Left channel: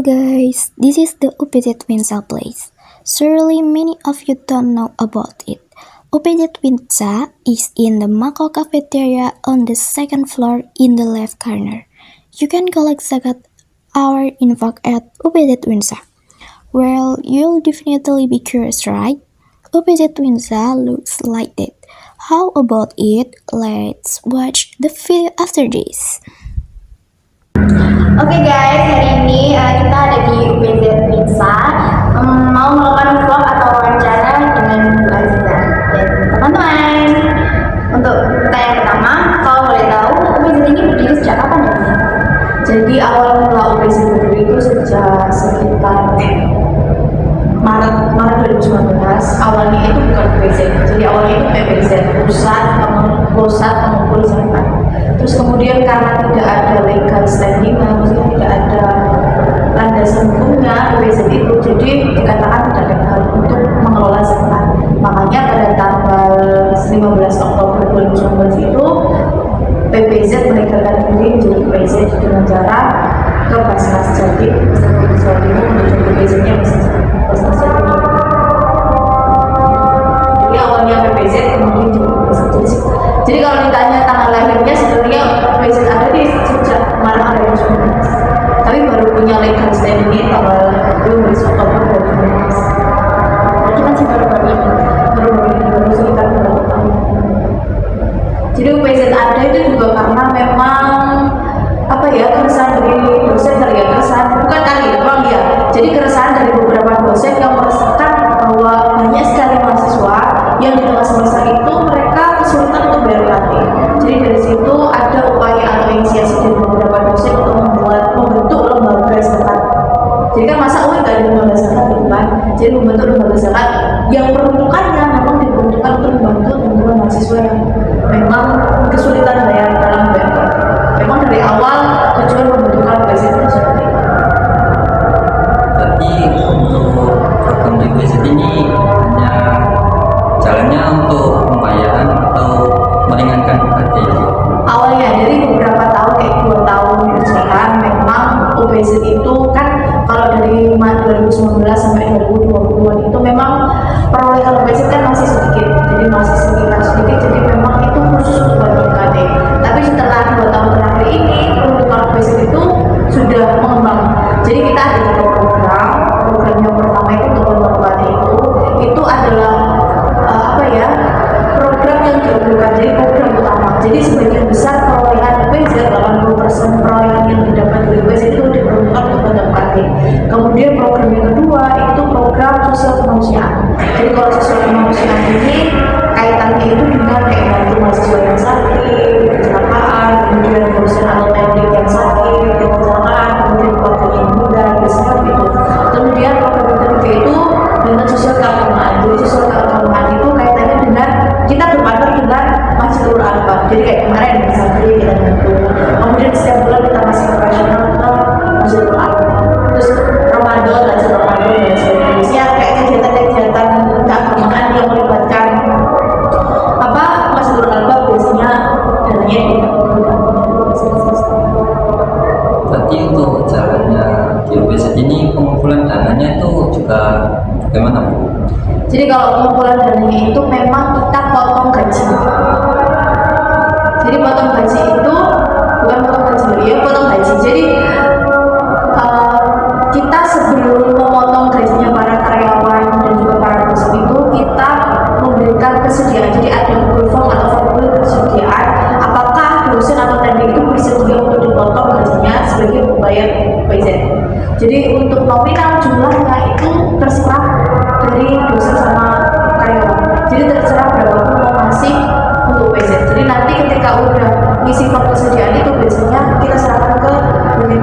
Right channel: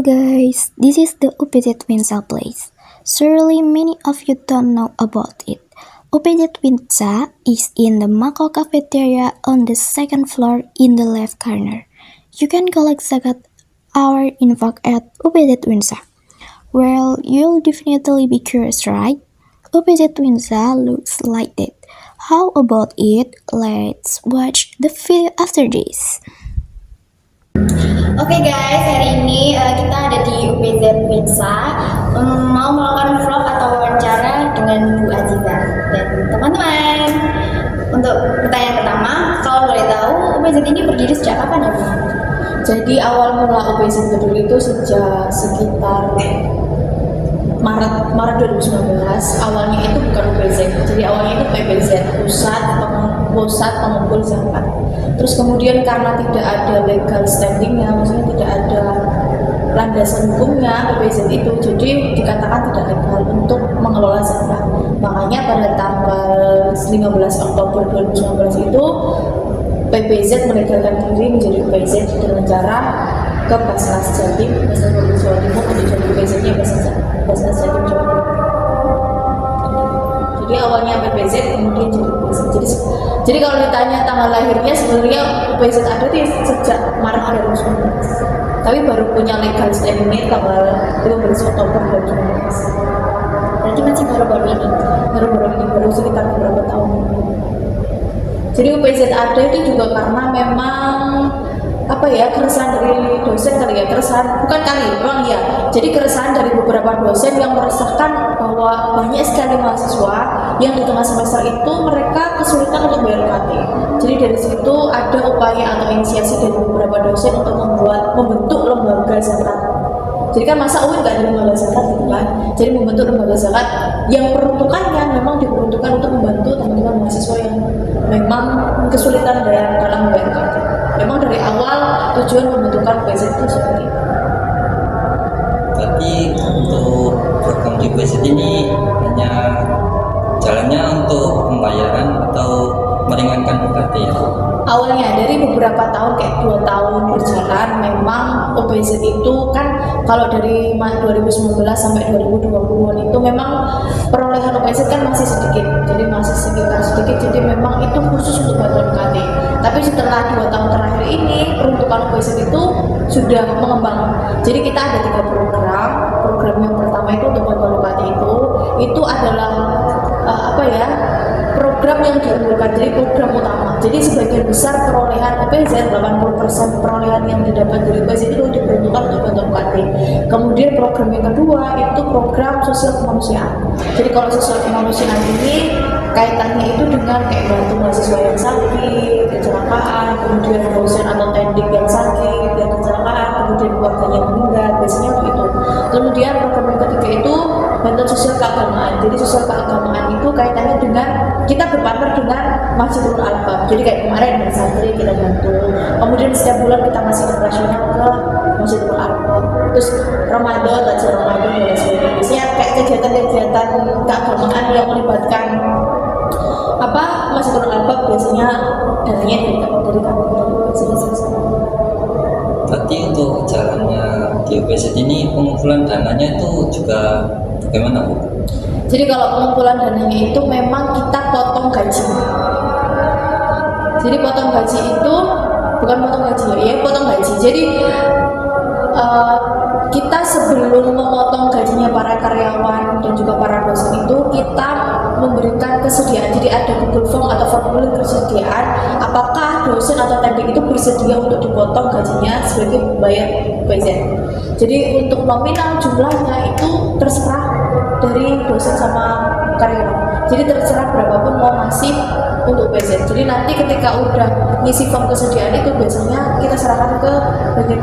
Hello guys, this is the UPZ Winsa place. Surely many of you don't know about it. UPZ Winsa is in the Mako cafeteria on the second floor in the left corner. You can collect zakat our info at UPZ Winsa. Well, you'll definitely be curious, right? UPZ Winsa looks like that. How about it? Let's watch the video after this. Oke guys, hari ini kita ada di UPZ Winsa mau melakukan vlog atau wawancara dengan Bu Aziza dan teman-teman. Untuk pertanyaan pertama, kalau boleh tahu UPZ ini berdiri sejak kapan ya? Jadi awal mula UPZ berdiri itu sejak sekitar Maret 2019. Awalnya itu bukan UPZ, jadi awalnya itu PPZ, pusat pengumpul zakat. Terus kemudian karena tidak ada legal standingnya, maksudnya tidak ada landasan hukumnya PPZ itu, jadi dikatakan tidak legal untuk mengelola zakat. Makanya pada tanggal 15 Oktober 2019 itu PPZ melegalkan diri menjadi PPZ dengan cara ke Basnas Jatim, Basnas Provinsi Jawa Timur untuk jadi PPZ-nya Basnas Jatim. Jadi awalnya PPZ kemudian jadi PPZ. Jadi kalau ditanya tanggal lahirnya sebenarnya PPZ ada di sejak Maret 2019, tapi baru punya legal standing tanggal 15 Oktober 2019. Berarti masih baru-baru ini. Baru sekitar beberapa tahun. Jadi UPZ ada itu juga karena memang keresahan dari dosen jadi keresahan dari beberapa dosen yang merasakan bahwa banyak sekali mahasiswa yang di tengah semester itu mereka kesulitan untuk bayar UKT. Jadi dari situ ada upaya atau inisiasi dari beberapa dosen untuk membentuk lembaga zakat. Jadi kan masa gak ada lembaga zakat gitu kan? Jadi membentuk lembaga zakat yang peruntukannya memang diperuntukkan untuk membantu teman-teman mahasiswa yang memang kesulitan dalam bayar UKT. Memang dari awal tujuan pembentukan UPZ itu seperti itu. Tapi untuk program di UPZ ini hanya jalannya untuk pembayaran atau meringankan UKT? Awalnya dari beberapa tahun, kayak 2 tahun berjalan, memang UPZ itu kan kalau dari 2019 sampai 2020 itu memang perolehan UPZ kan masih sedikit, jadi masih sekitar sedikit, jadi memang itu khusus untuk bayar UKT. Tapi setelah 2 tahun terakhir ini peruntukan UPZ itu sudah mengembang. Jadi kita ada 3 program yang pertama itu untuk bantuan UKT itu adalah program yang dilakukan, jadi program utama. Jadi sebagian besar perolehan UPZ, 80% perolehan yang didapat dari UPZ itu diperuntukkan untuk bantuan UKT. Kemudian program yang kedua itu program sosial kemanusiaan. Jadi kalau sosial kemanusiaan ini kaitannya itu dengan kayak bantu mahasiswa yang sakit, kecelakaan, kemudian dosen atau teknik yang sakit, yang kecelakaan, kemudian keluarganya meninggal, biasanya itu. Kemudian program yang ketiga itu bantuan sosial keagamaan. Jadi sosial keagamaan itu kaitannya dengan kita berpartner dengan Masjidul Albab. Jadi kayak kemarin misalnya kita bantu. Kemudian setiap bulan kita masih operasional ke Masjidul Albab. Terus Ramadan, acara Ramadan dan sebagainya. Biasanya kayak kegiatan-kegiatan keagamaan yang melibatkan Masjidul Albab, biasanya dananya Berarti untuk jalannya di UPZ ini pengumpulan dananya itu juga bagaimana Bu? Jadi kalau pengumpulan dananya itu memang kita potong gaji. Jadi potong gaji itu bukan potong gaji, potong gaji. Jadi kita sebelum memotong gajinya para karyawan dan juga para dosen itu kita memberikan kesediaan. Jadi ada Google Form atau formulir kesediaan apakah dosen atau teknik itu bersedia untuk dipotong gajinya sebagai pembayar UPZ. Jadi untuk nominal jumlahnya itu terserah dari dosen sama karyawan. Jadi terserah berapapun mau ngasih untuk UPZ. Jadi nanti ketika udah ngisi form kesediaan itu biasanya kita serahkan ke unit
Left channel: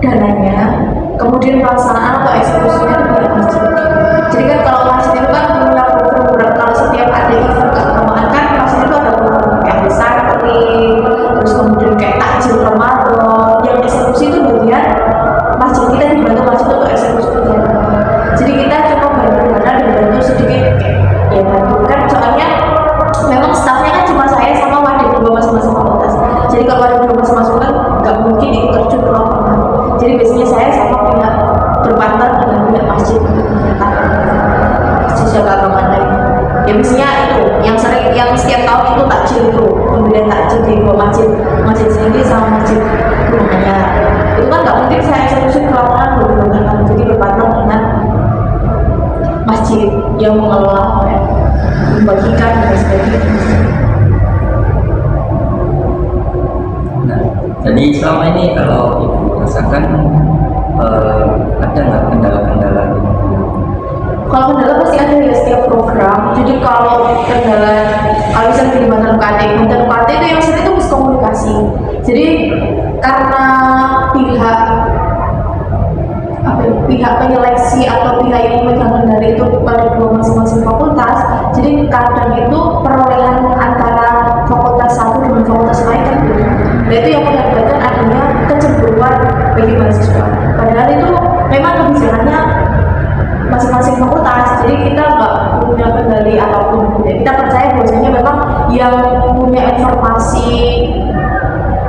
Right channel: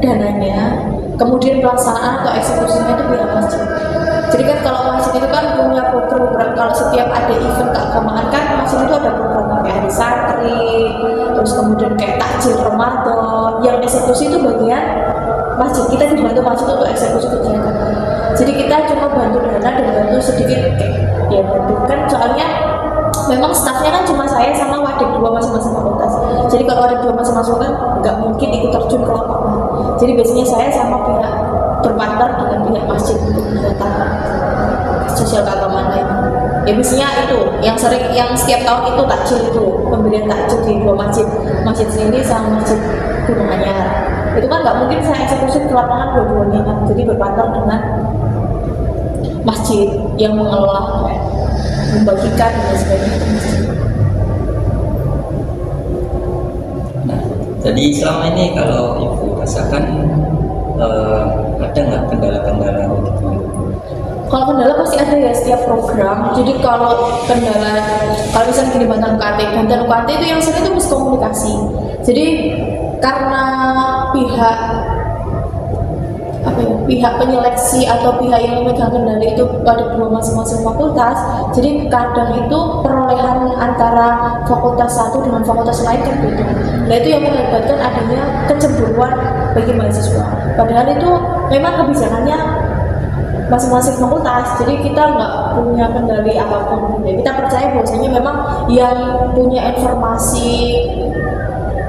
dananya, kemudian pelaksanaan atau eksekusinya itu pihak masjid. Jadi kan kalau masjid itu kan punya program, kalau setiap ada event keagamaan kan masjid itu ada program kayak hari santri, terus kemudian kayak takjil Ramadan, yang eksekusi itu bagian masjid. Kita dibantu masjid untuk eksekusi kegiatan. Jadi kita cuma bantu dana dan bantu sedikit kayak ya bantu kan, soalnya memang stafnya kan cuma saya sama wadik dua masing-masing fakultas. Jadi kalau ada dua masing-masing kan nggak mungkin ikut terjun ke lapangan. Jadi biasanya saya sama pihak berpartner dengan pihak masjid untuk kegiatan sosial keagamaan lain. Ya biasanya itu yang sering, yang setiap tahun itu takjil itu pemberian takjil di dua masjid, masjid sendiri sama masjid rumahnya. Itu kan nggak mungkin saya eksekusi ke lapangan dua-duanya kan. Jadi berpartner dengan masjid yang mengelola, membagikan dan sebagainya. Nah, jadi selama ini kalau Ibu rasakan ada nggak kendala-kendala gitu? Kalau kendala pasti ada ya setiap program. Jadi kalau kendala, kalau misalnya di Banten UKT itu yang sering itu miskomunikasi. Jadi karena pihak penyeleksi atau pihak yang memegang kendali itu pada dua masing-masing fakultas, jadi kadang itu perolehan antara fakultas satu dengan fakultas lain kan gitu. Nah itu yang mengakibatkan adanya kecemburuan bagi mahasiswa. Padahal itu memang kebijakannya masing-masing fakultas, jadi kita nggak punya kendali apapun. Kita percaya bahwasanya memang yang punya informasi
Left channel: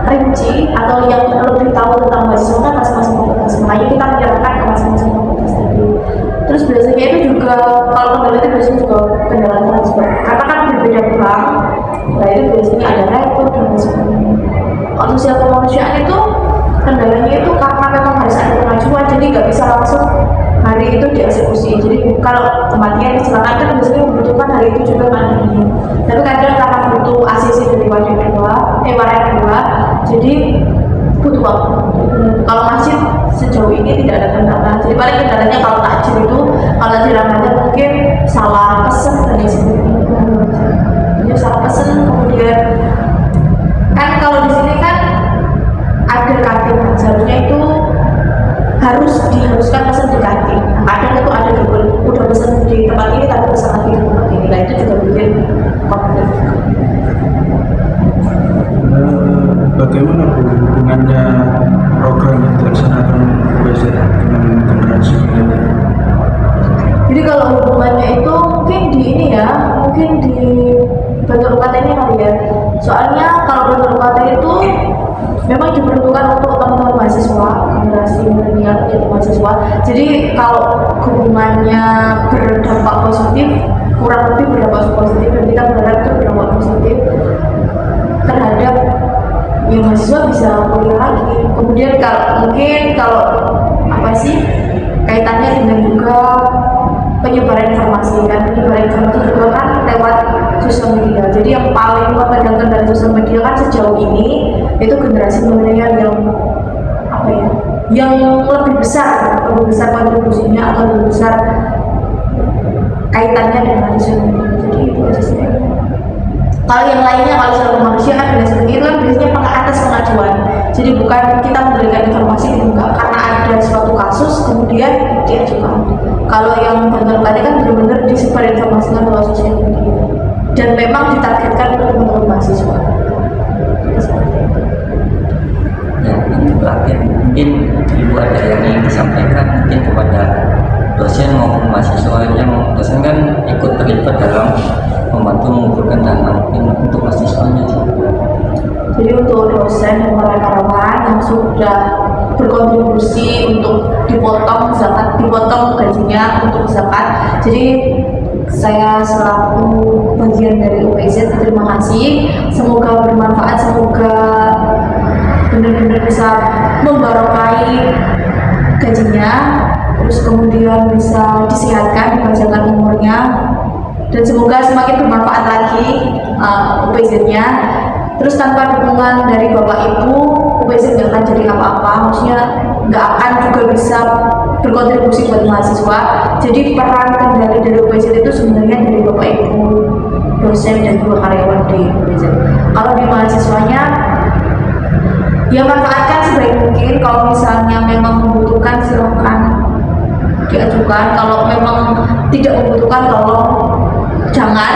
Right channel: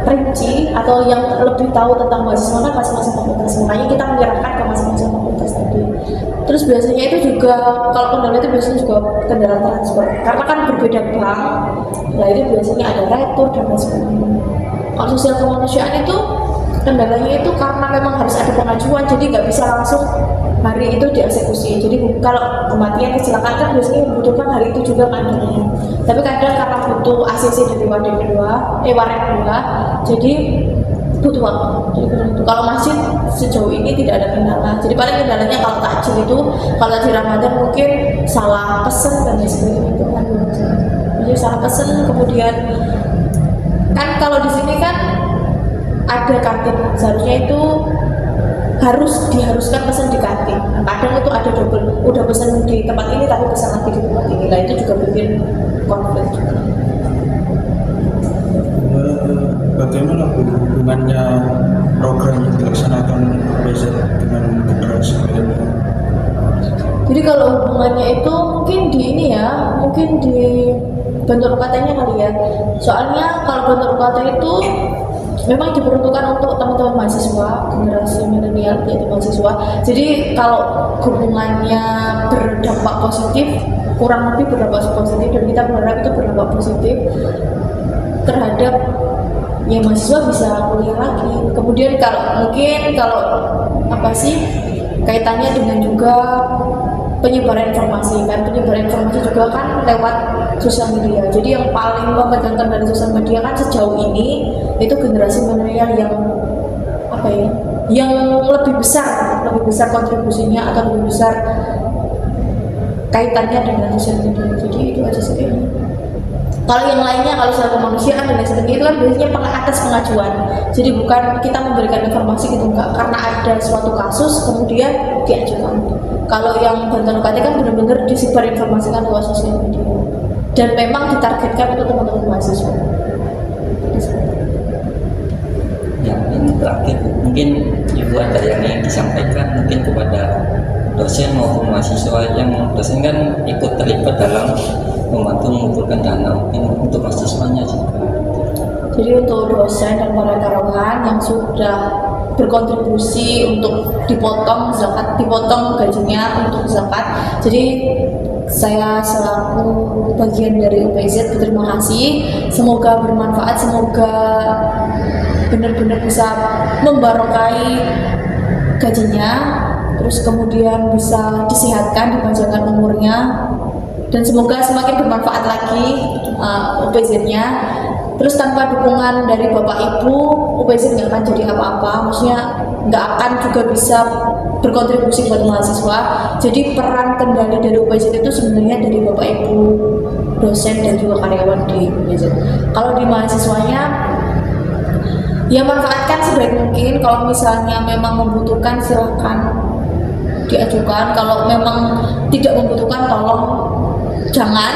rinci atau yang lebih tahu tentang mahasiswa kan masing-masing fakultas. Makanya kita menyerahkan ke masing-masing fakultas tadi. Terus biasanya itu juga kalau kendala itu biasanya juga kendala transfer, karena kan berbeda bank. Nah itu biasanya ada rektor dan sebagainya. Kalau sosial kemanusiaan itu kendalanya itu karena memang harus ada pengajuan, jadi nggak bisa langsung hari itu dieksekusi. Jadi kalau kematian kecelakaan kan biasanya membutuhkan hari itu juga kan. Tapi kadang karena butuh ACC dari waret 2, jadi butuh waktu. Kalau masjid sejauh ini tidak ada kendala. Jadi paling kendalanya kalau takjil itu, kalau takjil Ramadan mungkin salah pesen dan sebagainya. Jadi salah pesen, kemudian kan kalau di sini kan ada kantin, seharusnya itu diharuskan pesan di kantin. Nah, kadang itu ada double, udah pesan di tempat ini tapi pesan lagi di tempat ini. Nah itu juga bikin konflik juga. Bagaimana hubungannya program yang dilaksanakan UPZ dengan generasi milenial? Jadi kalau hubungannya itu mungkin di ini ya, mungkin di bentuk UKT-nya kali ya. Soalnya kalau bentuk UKT itu memang diperuntukkan untuk teman-teman mahasiswa, generasi milenial yaitu mahasiswa. Jadi kalau hubungannya berdampak positif, kurang lebih berdampak positif, dan kita berharap itu berdampak positif terhadap ya mahasiswa bisa kuliah lagi. Kemudian kalau apa sih kaitannya dengan juga penyebaran informasi juga kan lewat sosial media. Jadi yang paling memegang kendali sosial media kan sejauh ini itu generasi milenial yang lebih besar kontribusinya atau lebih besar kaitannya dengan sosial media. Jadi itu aja sih. Kalau yang lainnya, kalau soal manusia kan dengan seperti itu kan biasanya atas pengajuan. Jadi bukan kita memberikan informasi itu enggak, karena ada suatu kasus kemudian diajukan. Kalau yang Banten UKT kan benar-benar disebar informasikan lewat sosial media dan memang ditargetkan untuk teman-teman mahasiswa. Ya, ini terakhir mungkin Ibu ada yang ingin disampaikan mungkin kepada dosen maupun mahasiswa. Yang dosen kan ikut terlibat dalam membantu mengumpulkan dana untuk mahasiswanya. Jadi untuk dosen dan para karyawan yang sudah berkontribusi untuk dipotong gajinya untuk zakat. Jadi saya selaku bagian dari UPZ berterima kasih. Semoga bermanfaat, semoga benar-benar bisa membarokai gajinya, terus kemudian bisa disehatkan, dipanjangkan umurnya, dan semoga semakin bermanfaat lagi UPZ-nya. Terus tanpa dukungan dari Bapak Ibu, UPZ nggak akan jadi apa-apa, maksudnya nggak akan juga bisa berkontribusi buat mahasiswa. Jadi peran kendali dari UPZ itu sebenarnya dari Bapak Ibu, dosen dan juga karyawan di UPZ. Kalau di mahasiswanya Ya manfaatkan sebaik mungkin. Kalau misalnya memang membutuhkan silahkan diajukan. Kalau memang tidak membutuhkan tolong jangan.